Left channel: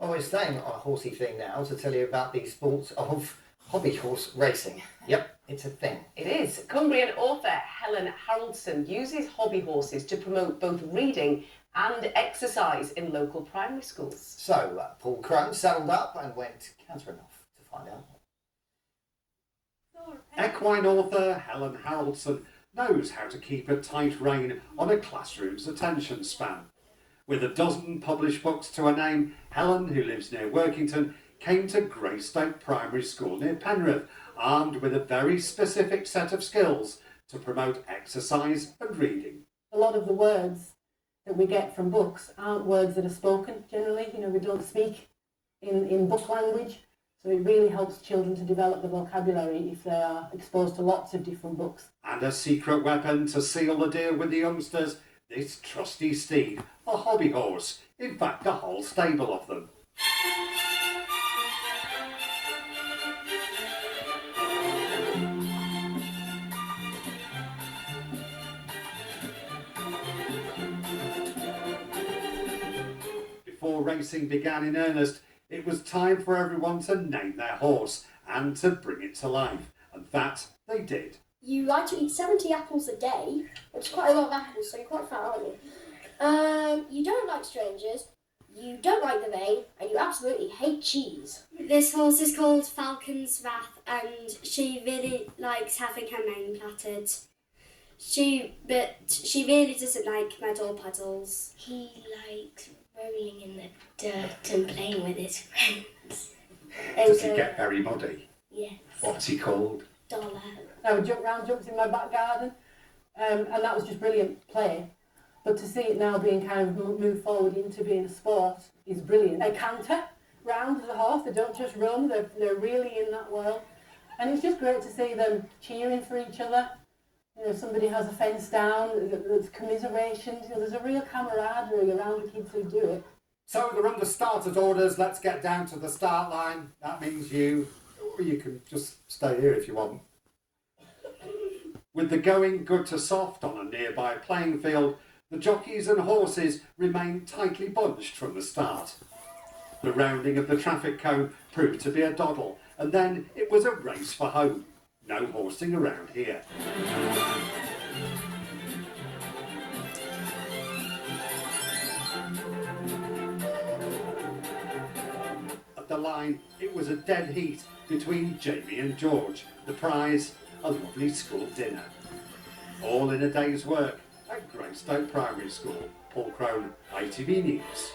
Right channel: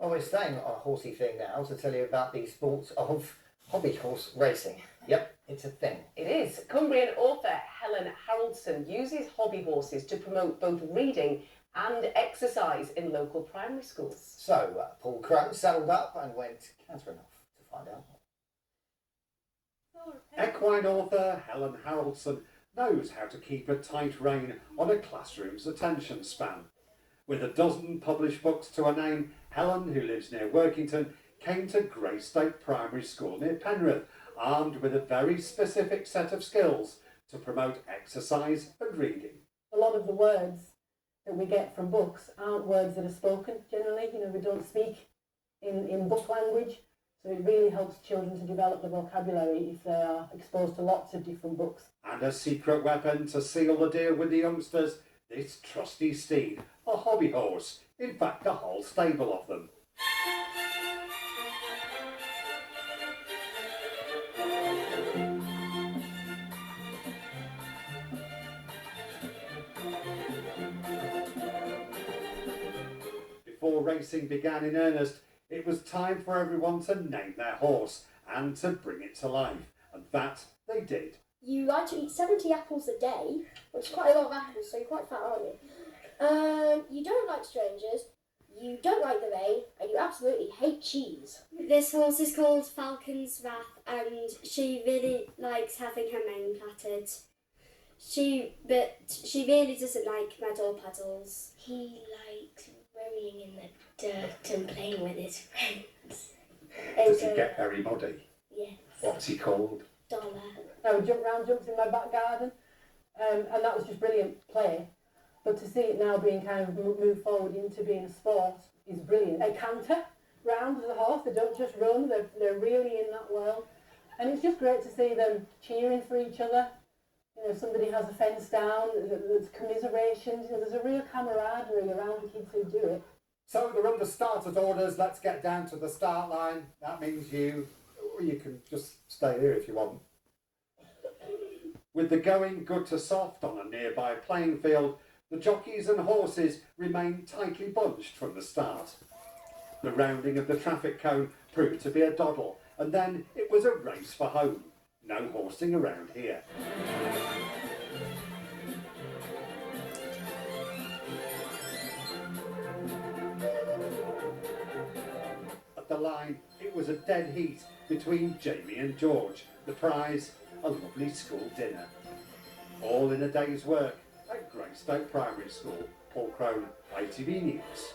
Well, we're staying on a horsey thing now to tell you about the sports of hobby horse racing. Yep, it's a thing. It is. Cumbrian author Helen Haroldson uses hobby horses to promote both reading and exercise in local primary schools. So, Paul Crone saddled up and went cantering off to find out. Equine author Helen Haroldson knows how to keep a tight rein on a classroom's attention span. With a dozen published books to her name, Helen, who lives near Workington, came to Greystoke Primary School near Penrith, armed with a very specific set of skills to promote exercise and reading. A lot of the words that we get from books aren't words that are spoken generally. We don't speak in book language. So it really helps children to develop the vocabulary if they are exposed to lots of different books. And a secret weapon to seal the deal with the youngsters, this trusty steed, a hobby horse, in fact a whole stable of them. Before racing began in earnest, it was time for everyone to name their horse and to bring it to life, and that they did. You like to eat 70 apples a day, which is quite a lot of apples, so you're quite fat, aren't you? You don't like strangers, you don't like the rain, and you absolutely hate cheese. This horse is called Falcon's Wrath, and she really likes having her mane plaited. But she really doesn't like mud or puddles. He likes rolling in the dirt and playing with his friends. Does he get very muddy? Yes. What's he called? Dollar. I would jump round jumps in my back garden, and that was just brilliant play. But to see it now being kind of moved forward into being a sport is brilliant. They canter round as a horse, they don't just run, they're really in that world. And it's just great to see them cheering for each other. If somebody has a fence down, there's commiserations, there's a real camaraderie around the kids who do it. So they're under started orders, let's get down to the start line. That means you, or you can just stay here if you want. With the going good to soft on a nearby playing field, the jockeys and horses remained tightly bunched from the start. The rounding of the traffic cone proved to be a doddle, and then it was a race for home. No horsing around here. At the line, it was a dead heat between Jamie and George. The prize, a lovely school dinner. All in a day's work at Greystoke Primary School. Paul Crone, ITV News.